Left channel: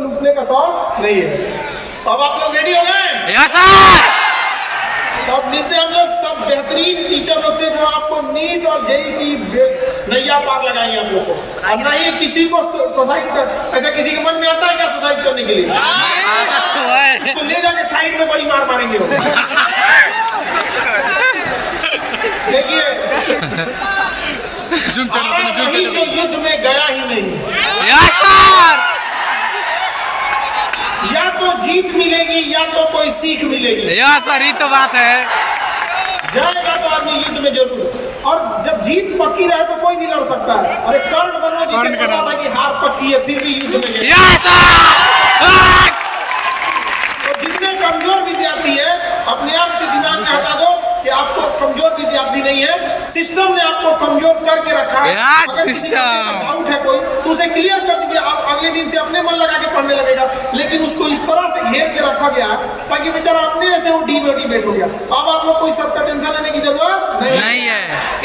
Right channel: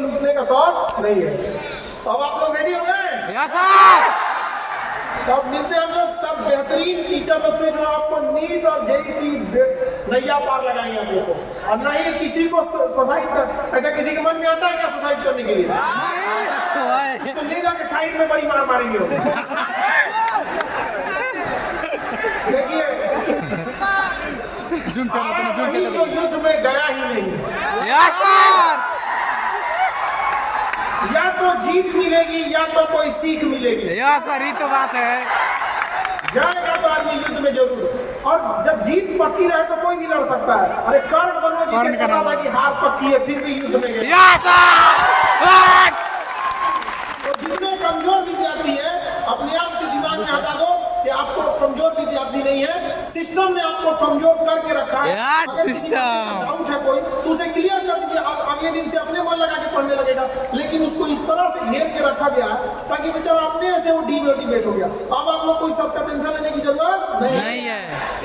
लूटने का शौक नहीं है। तो अब आप लोग रेडी हो गए? Yes sir. अब मिलते हैं हम लोग सब बेहतरीन टीचर लोग से जो आपको नीट और जेईई की नैया पार लगाएंगे आप लोग को। और ना ही किसी को सुसाइड कर, ऐसा किसी के मन में आता है क्या सुसाइड करने के लिए? आदत तो है। इसको ले जाके साइड में बड़ी मार मारेंगे। देखिए जो युद्ध में गया ही नहीं, यस सर। या तो जीत मिलेगी या तो कोई सीख मिलेगी। यस सर, ये तो बात है। जाएगा तो आदमी युद्ध में जरूर, और जब जीत पक्की रहे तो कोई नहीं लड़ सकता है। अरे कर्ण बनो जिसे पता था कि हार पक्की है फिर भी युद्ध में गए। Yes sir. तो जितने कमजोर विद्यार्थी है अपने आप से दिमाग में हटा दो कि आपको कमजोर विद्यार्थी नहीं है, सिस्टम ने आपको कमजोर करके रखा है। अगर किसी को डाउट है कोई तो उसे क्लियर कर दीजिए, आप अगले दिन से अपने मन लगा के पढ़ने लगेगा। लेकिन उसको इस तरह से घेर के रखा गया ताकि बेचारा अपने से वो डीमोटिवेट हो गया। अब आप लोग कोई सबका टेंशन लेने की जरूरत नहीं है।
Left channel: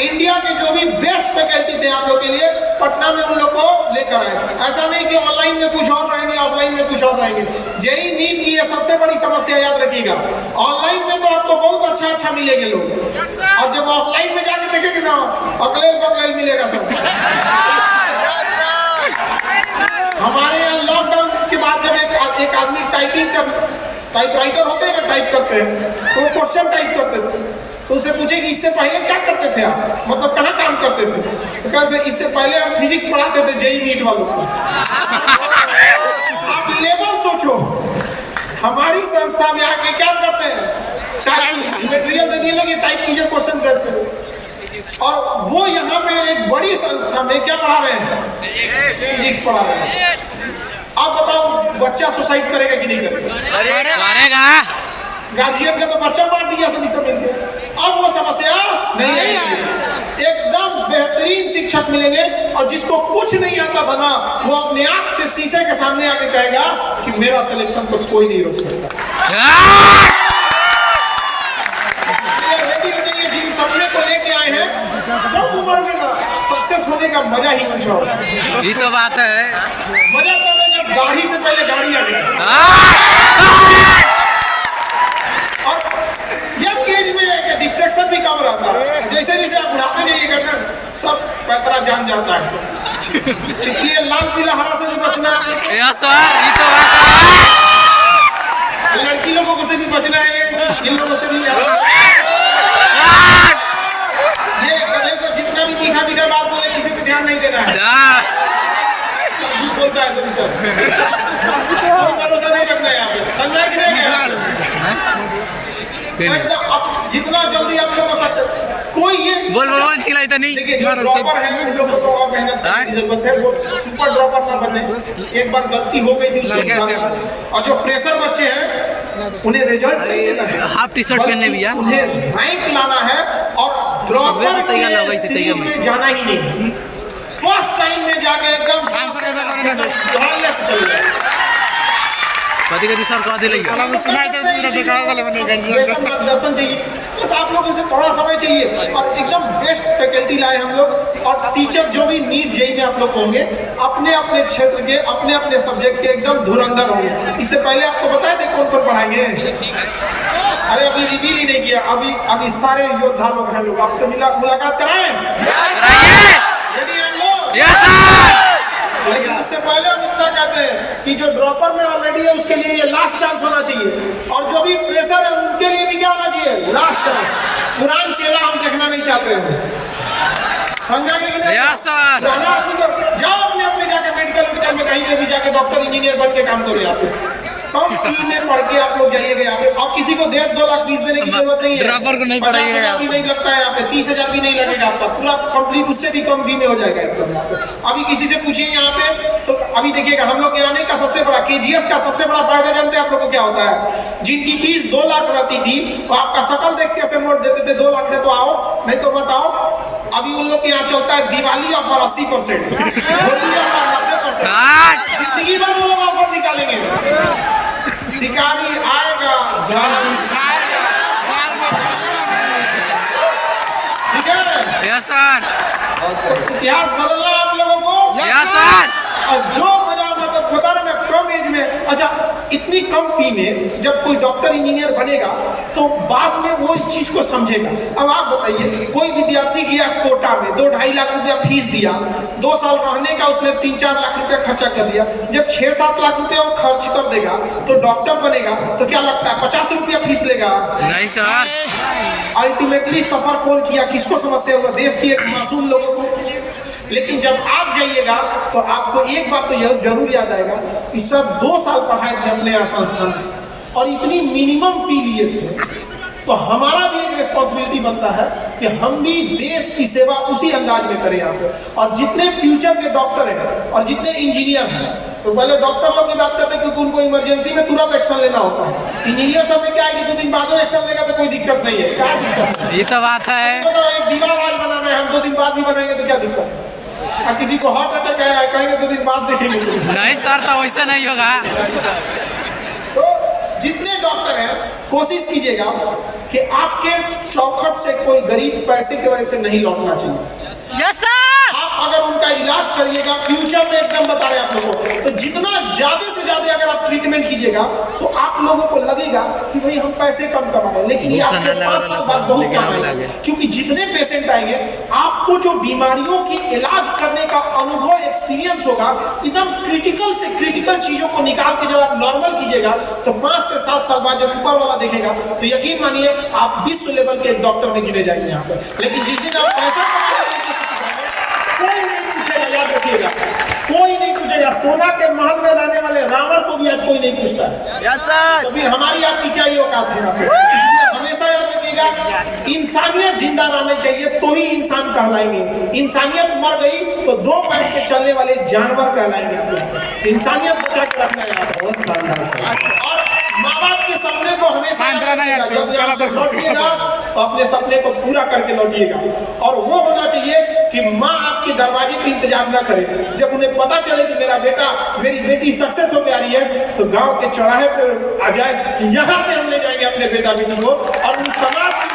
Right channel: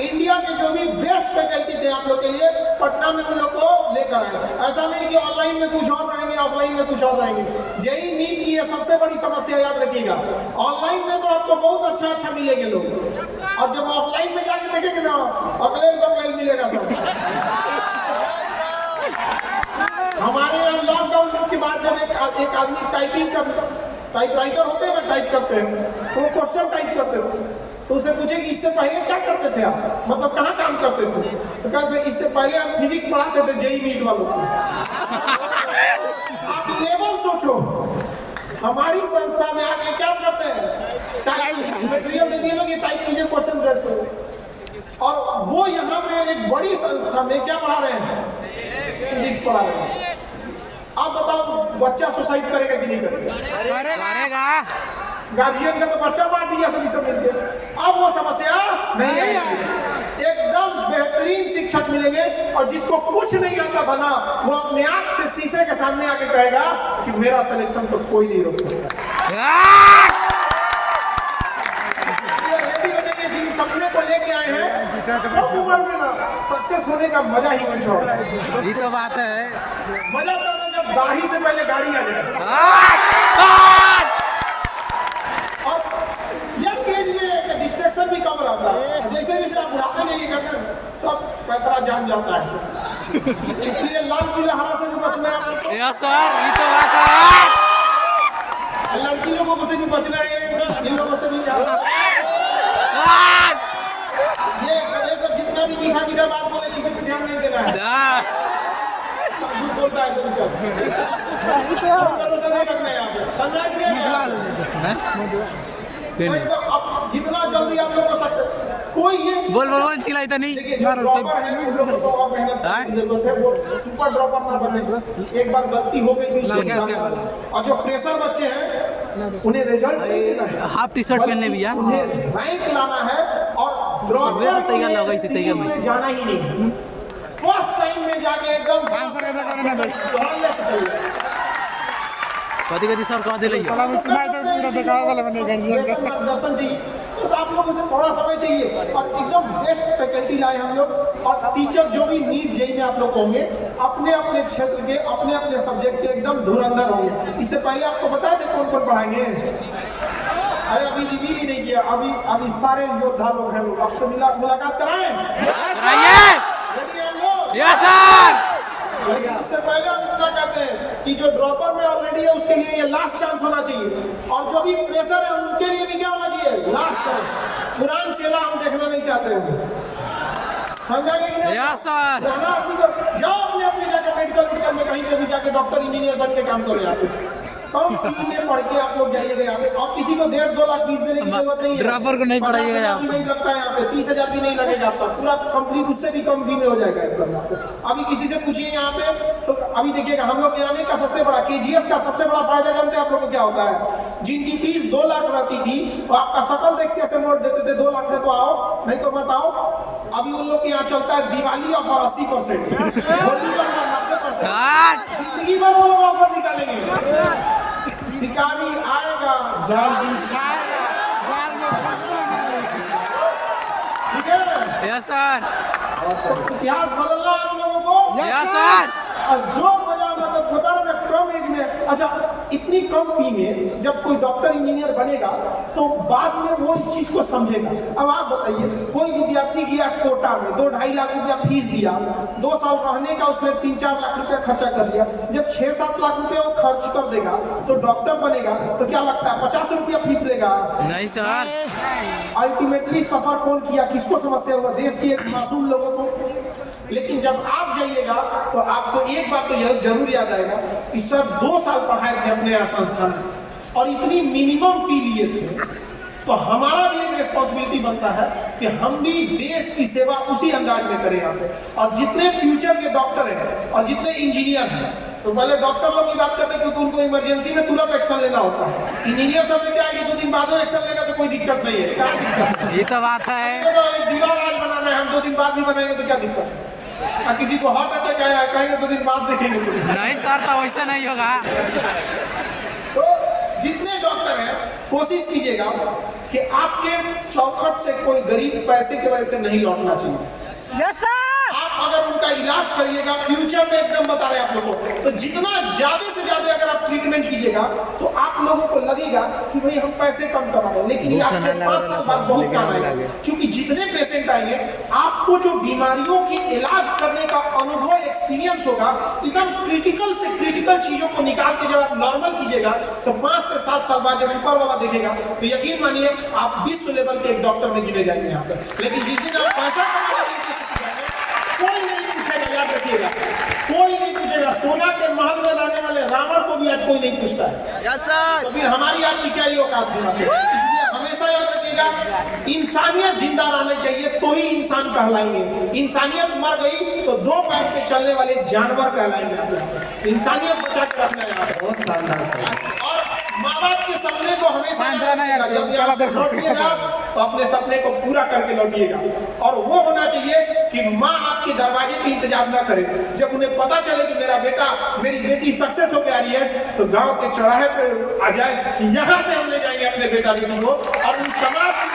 इंडिया के जो भी बेस्ट फैकल्टी थे आप लोग के लिए पटना में उन लोग को लेकर आए। ऐसा नहीं कि ऑनलाइन में कुछ और रहेंगे ऑफलाइन में कुछ और रहेंगे। जेईई नीट की ये सबसे बड़ी समस्या याद रखिएगा। ऑनलाइन में तो आपको बहुत अच्छा मिलेंगे लोग, और जब ऑफलाइन में जाके देखेंगे ना अगले मिलेगा सब। हमारे यहाँ लॉकडाउन के बाद जब एक आदमी टाइपराइटर होते हैं ना, टाइप करते हैं तो क्वेश्चन टाइप करते थे, तो उसे पूछे कि इससे पहले क्या करते थे आप, मतलब कहाँ काम करते थे, तो कहते इससे पहले हम फिजिक्स पढ़ाते थे जेईई नीट वालों को। आप लेवल सोचो, हमारी संस्था में आके क्या करते हैं, मटेरियल दे दिए लोग, ये टाइप कीजिए क्वेश्चन करते हैं। और वो यहाँ पे एक बड़ी संस्था में क्या पढ़ा रहे हैं, फिजिक्स पढ़ा रहे हैं। आप बताओ बच्चा सुसाइड करेगा कि नहीं करेगा? गार्जियन का तो बच्चा मार दिया सभी सब मिलके। अब वो समस्या नहीं आएगी, एकदम बेहतरीन शिक्षक मिलेंगे, और जिसको कुछ नहीं आता था ना वो अपने आप से शीशे के सामने आके कहेगा कि मेरा सिलेक्शन तो कोई नहीं रोक सकता। जिन सपने को लेके आए हैं सब उम्र में ना सक्सेस होने का मजा ही कुछ और है। ये तो बात है। मजा तब है जब दाढ़ी से पहले गाड़ी आ गई। और यंग एज में डिस्ट्रैक्शन भी कम रहता है, जैसे जैसे आप बुढ़ाते जाइएगा ना सब पैतरा जान जाता है सब। इसलिए लाल पीला हरा से भी बचना है। यस सर, ये तो बात है। लड़की लोगों को से भी बचना है, इन लोगों से भी। ये गधे से जितना भी मीठा बात बोले किसी पे ध्यान नहीं देना है। सब झूठ बोलता है भरोसा नहीं रखना है यहाँ पे, समझा कि नहीं? अब जितना जल्दी आप लोग को सक्सेस कोई ये बोल चिल्लाई तो नहीं। देखिए जो ड्रॉपर है उन लोगों को और मेहनत करने की जरूरत है, वो सुपर ड्रॉपर ना बने। एक बार गलती हो गई थी उसको, और जो फ्रेशर बच्चे हैं उन्हें रिजल्ट नहीं देना है, हाफ टी शर्ट पहनने भैया, उन्हें रैंक लाना है, और ड्रॉपर के में जाना ही नहीं। फर्स्ट टाइम में जाके एकदम कभी सर कहा दिलेंगे दर्शन चाहिए, बस आप लोगों से थोड़ा समय चाहिए, और एकदम बेस्ट फैकल्टी लाए हम लोग। और टीचर जो भी नीट जेईई में आप लोग होंगे अपने अपने क्षेत्र के अपने अपने सब्जेक्ट के एकदम धुरंधर होंगे। इससे पहले आपको बताए थे कौन कौन पढ़ाएंगे? अरे अभी रिवील ही नहीं किया, अभी सारे योद्धा लोग हैं, लोग आपसे मुलाकात कराएं। रेडी हम लोग? Yes sir. लेकिन उससे पहले हम इतना कहते हैं कि जो ड्रॉपर में ऑलरेडी है उसके लिए ये लास्ट चांस होना चाहिए, और जो भी प्रेशर है उनके लिए भी क्या होना चाहिए, लास्ट चांस। पुरान चेला हम देखना नहीं चाहते हैं, समझा कि नहीं? Yes sir. जाओ अपने जाके मेडिकल में कहीं पे भी जाके डॉक्टर इंजीनियर बन के काम करो। यहाँ पे कम फी में पढ़ के आप लोग जाइएगा। यहाँ पे आप किसी को 1.5-2 लाख फीस देने की जरूरत नहीं है। ड्रॉपर को नहीं पढ़ाइएगा, 50,000 भी नहीं लगता है यहाँ पे, 30,000 भी नहीं लगेगा आपका, पूरा कंप्लीट उससे भी कम फी में हो जाएगा एकदम। यहाँ पे अभी किसी से पूछिए यहाँ पे, तो अभी देखिएगा हम लोग के आने का सबसे बड़ा KGS का सबसे बड़ा फायदा जानते हैं आप लोग को क्या होता है? जिनकी फीस 2 लाख रहती थी तो आपका शकल देख के ऐसे नोट देते थे 2 लाख है तो आओ, नहीं तो मत आओ। अभी उन लोग के यहाँ चलता है दिवाली ऑफर 80%, होली ऑफर 90%, जिंदगी भर वो लोग ऑफर निकालेंगे। शिकारी आएगा जाल बिछाएगा, जाल में फंसना। ठीक है? Yes sir. इतिहास बदलना आप लोगों को। Yes sir. और जो मजा मतलब बता रहे ना कम एज में कम फी में जब कोई डॉक्टर इंजीनियर बनेगा तो बाद में वो इस चीज को समझेगा। अब आप बताइए, कोई विद्यार्थी गया कोटा में 2-2.5 लाख रुपया फीस दिया, 2 साल रहने का उसने 3-4 लाख रुपया खर्चा कर दिया, जब 6-7 लाख रुपया वो खर्च कर देगा तो डॉक्टर बनेगा तो क्या लगता है 50 रुपया फीस लेगा? नहीं सर। अल्टीमेटली सफर कौन किया, किसको समस्या होगा? देश के एक मासूम लोगों को। लेकिन जब आप जाइएगा तो आपको एक बात तो यह जरूर याद आएगा कि सर 2 साल पढ़ाए थे अपने यहाँ संस्थान में और इतनी मिनिमम फी लिए थे, तो हमारा भी एक रिस्पॉन्सिबिलिटी बनता है कि हम भी देश की सेवा उसी अंदाज में करें यहाँ पे। और जितने फ्यूचर के डॉक्टर हैं और जितने इंजीनियर हैं, तो पहले डॉक्टर लोग की बात करते हैं क्योंकि उनको इमरजेंसी में तुरंत एक्शन लेना होता है। इंजीनियर सब में क्या है कि 2 दिन बाद एक्शन लेगा तो कोई दिक्कत नहीं है। क्या दिक्कत है? ये तो बात है। तो एक दीवार आज बनाना है, हम 2 दिन बाद भी बनाएंगे तो क्या दिक्कत है? किसी को हार्ट अटैक आया कहेंगे 2 दिन बाद देखेंगे तो नहीं सर, तो वैसा नहीं होगा। तो जितने डॉक्टर हैं कोशिश कीजिएगा कि आपके चौखट से कोई गरीब पैसे की वजह से नहीं लौटना चाहिए। Yes sir. आप अगर उनका इलाज करिएगा फ्यूचर में, एकदम बता रहे हैं आप लोगों को, तो जितना ज्यादा से ज्यादा अगर आप ट्रीटमेंट कीजिएगा तो आप लोगों को लगेगा कि भाई हम पैसे कम कमा रहे हैं, लेकिन ये आपके 5 साल बाद बहुत काम आएगा। क्योंकि जितने पेशेंट आएंगे आपको जो बीमारियों की इलाज करने का अनुभव, एक्सपीरियंस होगा, एकदम क्रिटिकल से क्रिटिकल चीजों को निकाल के जब आप नॉर्मल कीजिएगा तो 5 से 7 साल बाद जब ऊपर वाला देखेगा तो यकीन मानिए आप विश्व लेवल के एक डॉक्टर में गिने जाएंगे यहाँ पर। लेकिन जिस दिन आप पैसा कमाने के लिए कोई नहीं पूछेगा, याद रखिएगा, कोई नहीं पूछेगा। सोना के महल में रहने वाले रावण को भी आज कोई नहीं पूछता है। Yes sir. तो फिर हमारी आपकी क्या ये औकात है? इसलिए हमेशा याद रखिएगा, इंसानियत जिंदा रहनी चाहिए तो ही इंसान कहलाएंगे। इंसानियत मर गई तो 2 पैर पे चलने वाले जानवर कहलाएंगे। आप इंसानियत बचा कर रखना है। बहुत शानदार। और माँ बाप के सपने को हमेशा जब यहाँ से लौटिएगा तो अपने सपने को पूरा करके लौटिएगा। और वो होना चाहिए कि माँ आपके दरवाजे पे इंतजार ना करे। जब उन्हें पता चले कि मेरा बेटा, मेरी बेटी सक्सेस होकर आ रही है, तो गांव के चौराहे पे आ जाए कि यहाँ से हम ले जाएंगे अपने बेटा बेटी को। और उन समाज की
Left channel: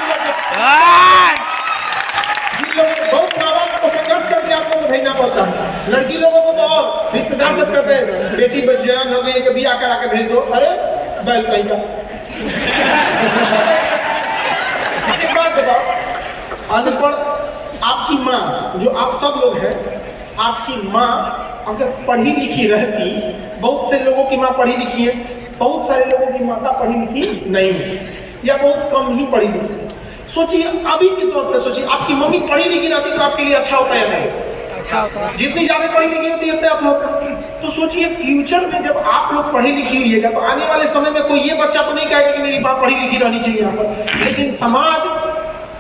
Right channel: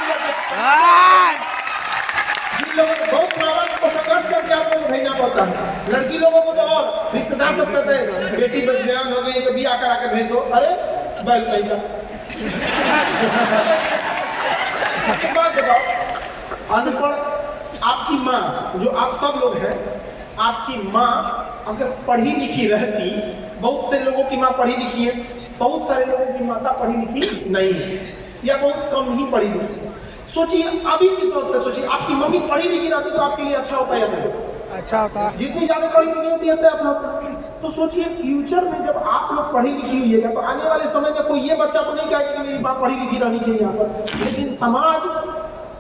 जिन लोगों को बहुत माँ बाप को संघर्ष करके आप लोगों को भेजना पड़ता है, लड़की लोगों को तो और रिश्तेदार सब कहते हैं बेटी बिया करा के भेज दो। अरे बैल कहीं का एक बात बताओ, अनपढ़ आपकी माँ, जो आप सब लोग हैं, आपकी माँ अगर पढ़ी लिखी रहती, बहुत से लोगों की माँ पढ़ी लिखी है, बहुत सारे लोगों की माता पढ़ी लिखी नहीं है या बहुत कम ही पढ़ी लिखी। सोचिए अभी के तौर पे सोचिए, आपकी मम्मी पढ़ी लिखी रहती तो आपके लिए अच्छा होता है या नहीं? अच्छा होता है। जितनी ज्यादा पढ़ी लिखी होती है उतना अच्छा होता है। तो सोचिए फ्यूचर में जब आप लोग पढ़ी लिखी हुईएगा तो आने वाले समय में कोई ये बच्चा तो नहीं कहेगा कि मेरी माँ पढ़ी लिखी रहनी चाहिए यहाँ पर। लेकिन समाज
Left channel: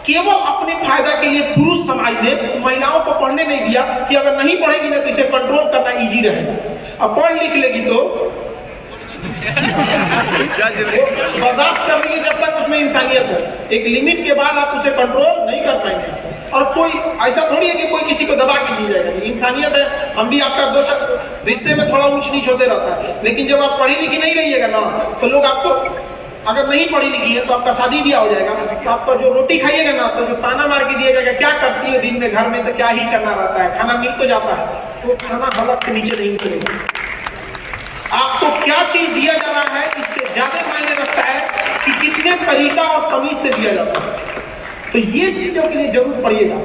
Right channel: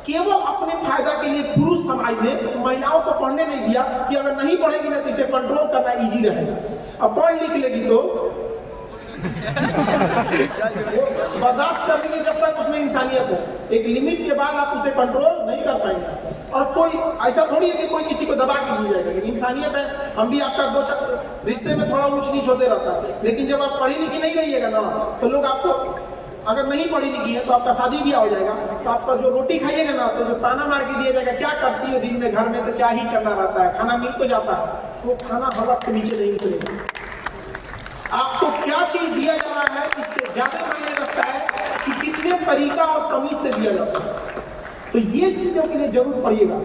केवल अपने फायदा के लिए, पुरुष समाज ने महिलाओं को पढ़ने नहीं दिया कि अगर नहीं पढ़ेगी ना तो इसे कंट्रोल करना इजी रहेगा। अब पढ़ लिख लेगी तो बर्दाश्त कर लीजिए जब तक उसमें इंसानियत है। एक लिमिट के बाद आप उसे कंट्रोल नहीं कर पाएंगे। और कोई ऐसा थोड़ी है कि कोई किसी को दबा के नहीं जाएगा। इंसानियत है, हम भी आपका 2 रिश्ते में थोड़ा ऊंच नीच होते रहता है। लेकिन जब आप पढ़ी लिखी नहीं रहिएगा ना तो लोग आपको, अगर नहीं पढ़ी लिखी है तो आपका शादी भी हो जाएगा तो आपका जो रोटी खाइएगा ना तो जो ताना मार के दिया जाएगा, क्या करती है दिन में घर में, तो क्या ही करना रहता है, खाना मिल तो जाता है, तो खाना हलक से नीचे नहीं उतरेगा। आपको क्या चीज दिया जा रहा है इससे ज्यादा मायने रखता है कि कितने तरीका और तमीज से दिया जाता है। तो ये चीजों के लिए जरूर पढ़िएगा।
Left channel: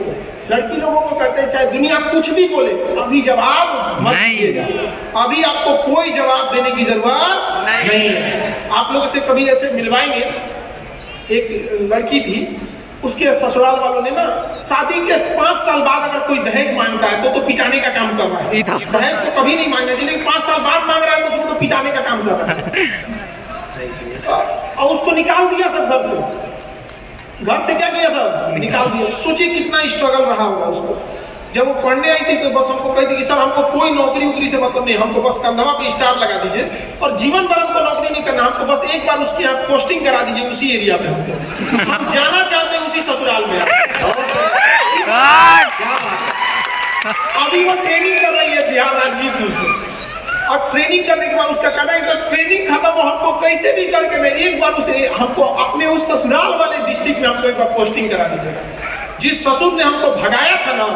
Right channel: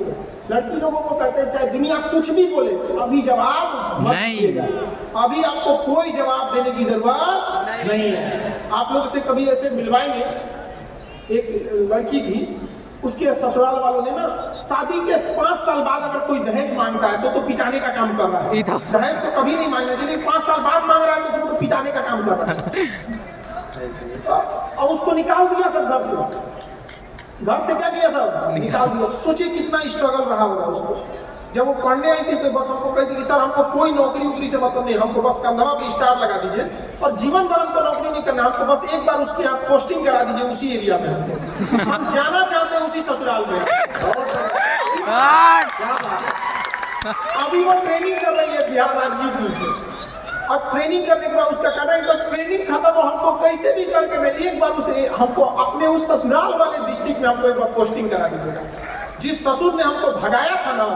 लड़की लोगों को कहते हैं चाहे दुनिया कुछ भी बोले, अभी जवाब मत दीजिएगा। अभी आपको कोई जवाब देने की जरूरत नहीं है। आप लोगों से कभी ऐसे मिलवाएंगे, एक लड़की थी, उसके ससुराल वालों ने ना शादी के 5 साल बाद अगर कोई दहेज मांगता है तो पिटाने का काम कर रहा है। दहेज तो कभी नहीं मांगना चाहिए, लेकिन 5 साल बाद मांग रहा है तो उसको तो पिटाने का काम कर रहा है। और उसको निकाल दिया सब घर से। घर से क्या किया सब? निकाल दिया। सोचिए कितना स्ट्रगल रहा होगा उसको। जब वो पढ़ने आई थी तो बस हमको कहती कि सर हमको कोई नौकरी उकरी से मतलब नहीं, हमको बस कंधवा पे स्टार लगा दीजिए और जीवन भर हमको नौकरी नहीं करना, हमको बस एक बार उसके यहाँ पोस्टिंग करा दीजिए उसी एरिया में, हम जाना चाहते हैं उसी ससुराल में। अभी वो ट्रेनिंग कर रही है बिहार राजनीति में, और ट्रेनिंग करने के बाद उसका कहना है सर ट्रेनिंग खत्म हो, हमको कैसे भी करके नहीं एक बार उसे हमको अपने उस ससुराल वाले डिस्ट्रिक्ट में हमको एक बार पोस्टिंग करा दीजिएगा। जिस ससुर ने हमको भगाया था ना,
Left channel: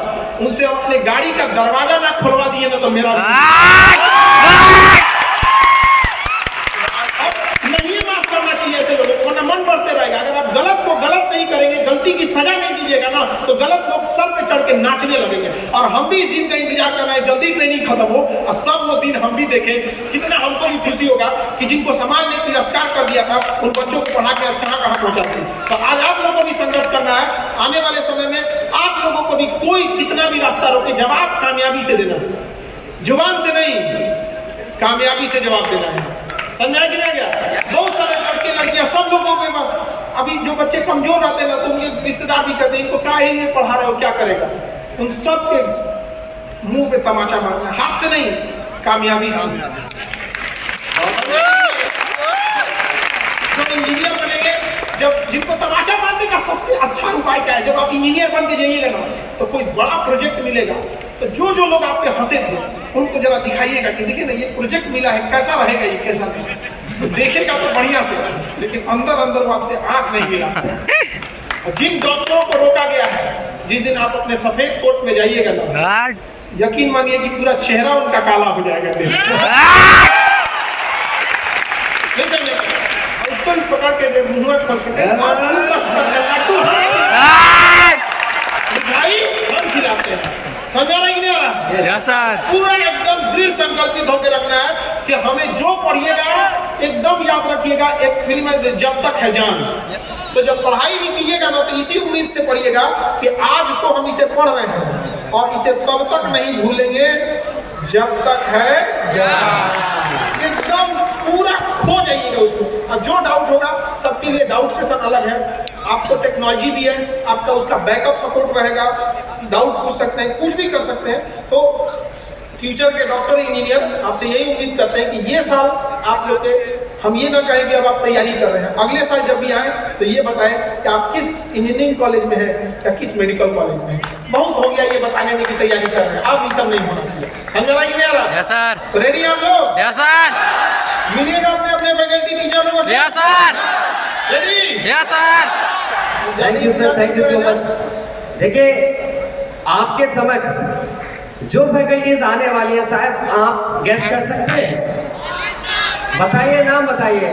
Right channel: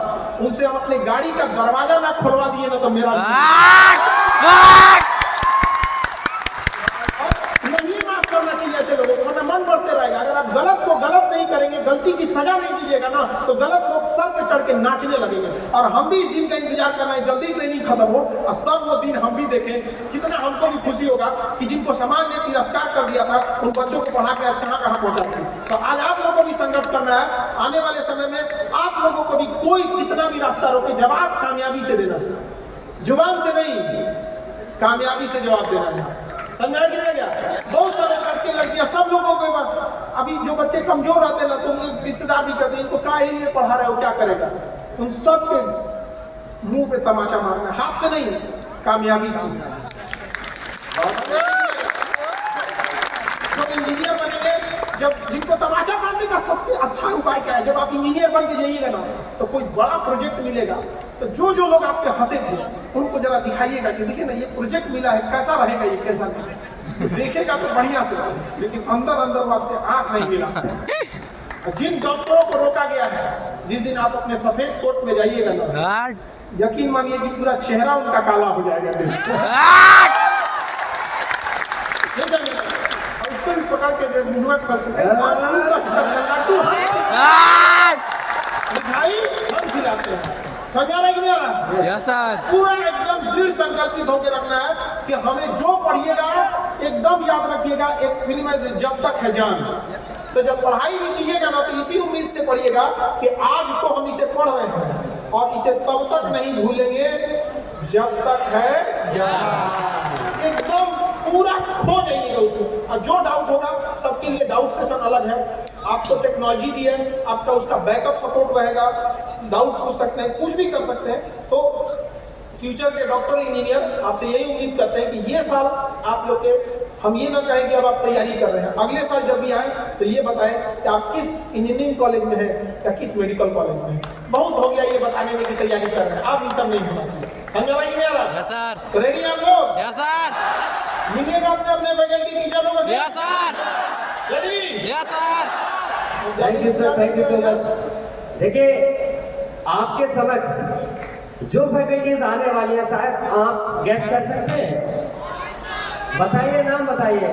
उनसे हम अपने गाड़ी का दरवाजा ना खुलवा दिए ना तो मेरा सजा नहीं दीजिएगा ना तो गलत लोग सर पे चढ़ के नाचने लगेंगे। और हम भी इस दिन का इंतजार कर रहे हैं, जल्दी ट्रेनिंग खत्म हो और तब वो दिन हम भी देखें। कितना हमको भी खुशी होगा कि जिनको समाज ने तिरस्कार कर दिया था उन बच्चों को पढ़ा के आज कहाँ कहाँ पहुंचाते हैं। तो आज आप लोगों को भी संघर्ष करना है। आने वाले समय में आप लोगों को भी कोई कितना भी रास्ता रोके, जवाब कामयाबी से देना, जुबान से नहीं, कामयाबी से जवाब देना है। समझा कि नहीं गया? बहुत सारे लड़के लड़कियां सब लोगों को अभी जो बच्चे कमजोर रहते हैं ना, तो उनके रिश्तेदार भी कहते हैं इनको क्या ही नहीं पढ़ा रहे हो, क्या करेगा? उन सब के मुंह पे तमाचा मारना, हाथ से नहीं, कामयाबी से। जब इंजीनियर बनेंगे, जब जिनको तमाचा मारने का सबसे अच्छा उपाय क्या है, जब आप इंजीनियर बन के जाइएगा ना तो कोई बड़ा प्रोजेक्ट मिलेगा तो जो लोग आप पे हंसे थे उनको जरा दिखाइएगा कि देखिए ना ये प्रोजेक्ट मिला है, कैसा रहेगा, ये कैसा नहीं। तो देखेगा तो बढ़िया से, लेकिन अंदर अंदर वो आपसे आंख नहीं मिला। जिन डॉक्टरों को रोका गया है, जिस दिन आप अपने सफेद कोट में जाइएगा ना, यकीन मानिए कि पूरा चेहरा उनका काला हो जाएगा। इसको भी पकड़ के मुंह पर खिलाते हैं। समझा रहा है कि नहीं आ रहा? पूरा एकदम दृढ़ संकल्पित होकर रखना है कि हमें जो पढ़िएगा एकदम याद रखिएगा। एक फिल्म है जब तक है जान, तो जब पढ़ाई भी कीजिएगा ना तो इसी उम्मीद से पढ़िएगा कि आज तो हम इसे पढ़ रहे हैं और इसे तब तक नहीं भूलेंगे जब तक है जान। एकदम पूरा खो जाइएगा उसमें। और जो डाउट होगा, सबके लिए डाउट सेशन अलग है। आपको टेक्नोलॉजी भी है, आपका उसका बैकअप सपोर्ट रहेगा, डाउट पूछ सकते हैं, कुछ भी कर सकते हैं। तो फ्यूचर के डॉक्टर इंजीनियर आपसे यही उम्मीद करते हैं कि ये साल आप लोग के, हम ये ना कहें कि अब आप तैयारी कर रहे हैं, अगले साल जब भी आए तो ये बताएं कि आप किस इंजीनियरिंग कॉलेज में हैं या किस मेडिकल कॉलेज में हैं। बहुत हो गया ये बताने में कि तैयारी कर रहे हैं, आप ये सब नहीं होना चाहिए। समझ रहा है कि नहीं आ रहा? Yes sir. तो रेडी आप लोग? Yes sir. मिलिएगा अपने अपने फैकल्टी टीचर लोगों से। Yes sir. Ready? Yes sir. Thank you sir, thank you so much. देखिए आपके समक्ष जो फैकल्टीज आने वाली है, साहब आप गेस कर सकते हैं? बताइए, नाम बताइए।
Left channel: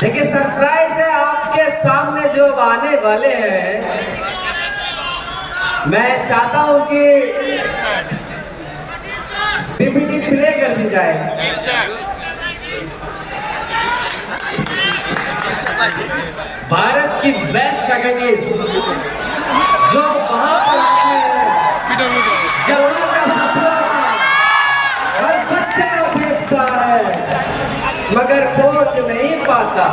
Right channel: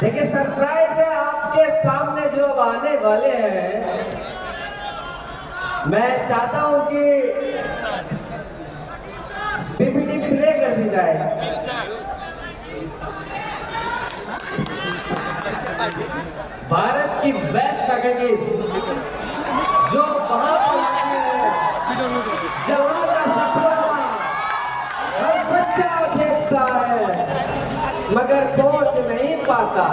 देखिए सरप्राइज है, आपके सामने जो आने वाले हैं, मैं चाहता हूं कि पीपीटी प्ले कर दी जाए। भारत की बेस्ट फैकल्टीज जो वहां पर आती है, जवानों का सपना हर बच्चे देखता है मगर पहुंच नहीं पाता।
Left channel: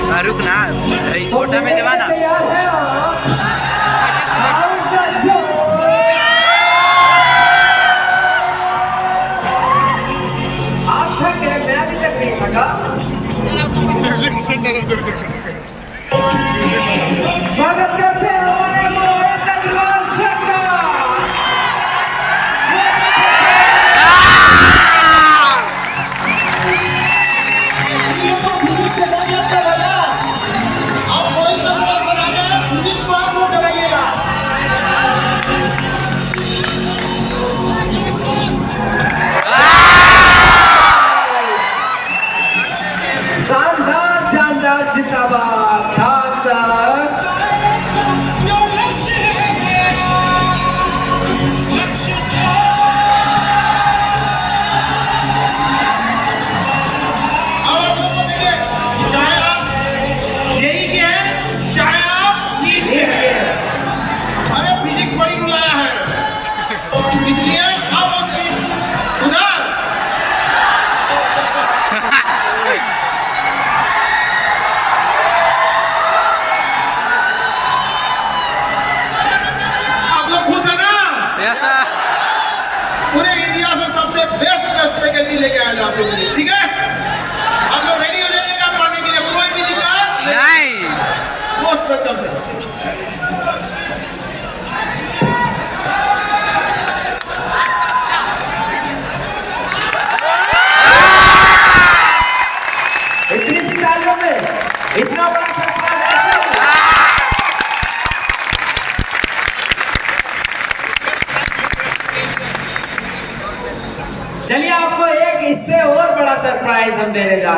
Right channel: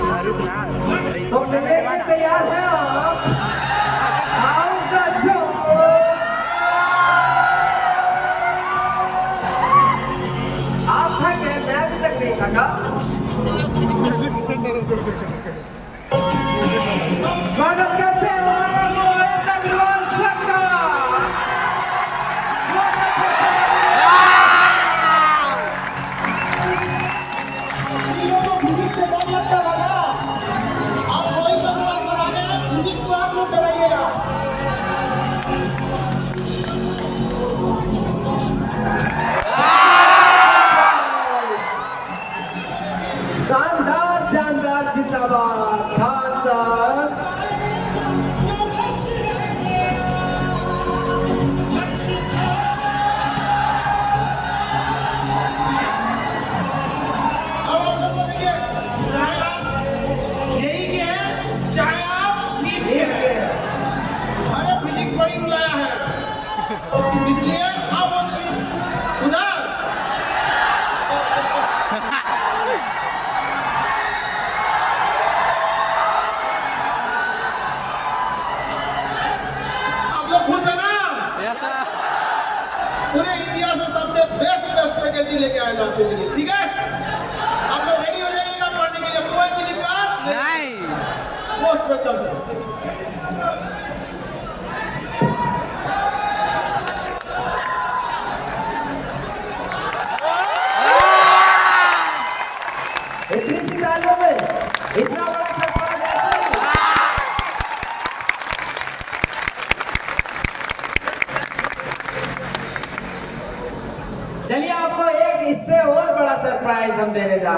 क्या रुक ना, छोटा में जवाना आप थके, मैं अभी तक नहीं थका। स्वागत करते हैं हमारे नौजवान सरकार। शानदार जानदार जिंदाबाद खान साहब। चाहे आप जेई के हैं, चाहे आप नीट के हैं, अरे फिजिक्स बड़ी बुलाया है, इसलिए अब उधर आप लोग खुश है ना? Yes sir. पूरे इंडिया से सबसे बेस्ट फैकल्टी लेके आए आप लोगों को, ठीक है? आप लोग रेडी हो जाइएगा पढ़ने के लिए, कोई भी दिक्कत नहीं। Most welcome sir. इतनी सी तालियों में इतना बड़ा सरप्राइज प्राइज हम देने जा रहे हैं।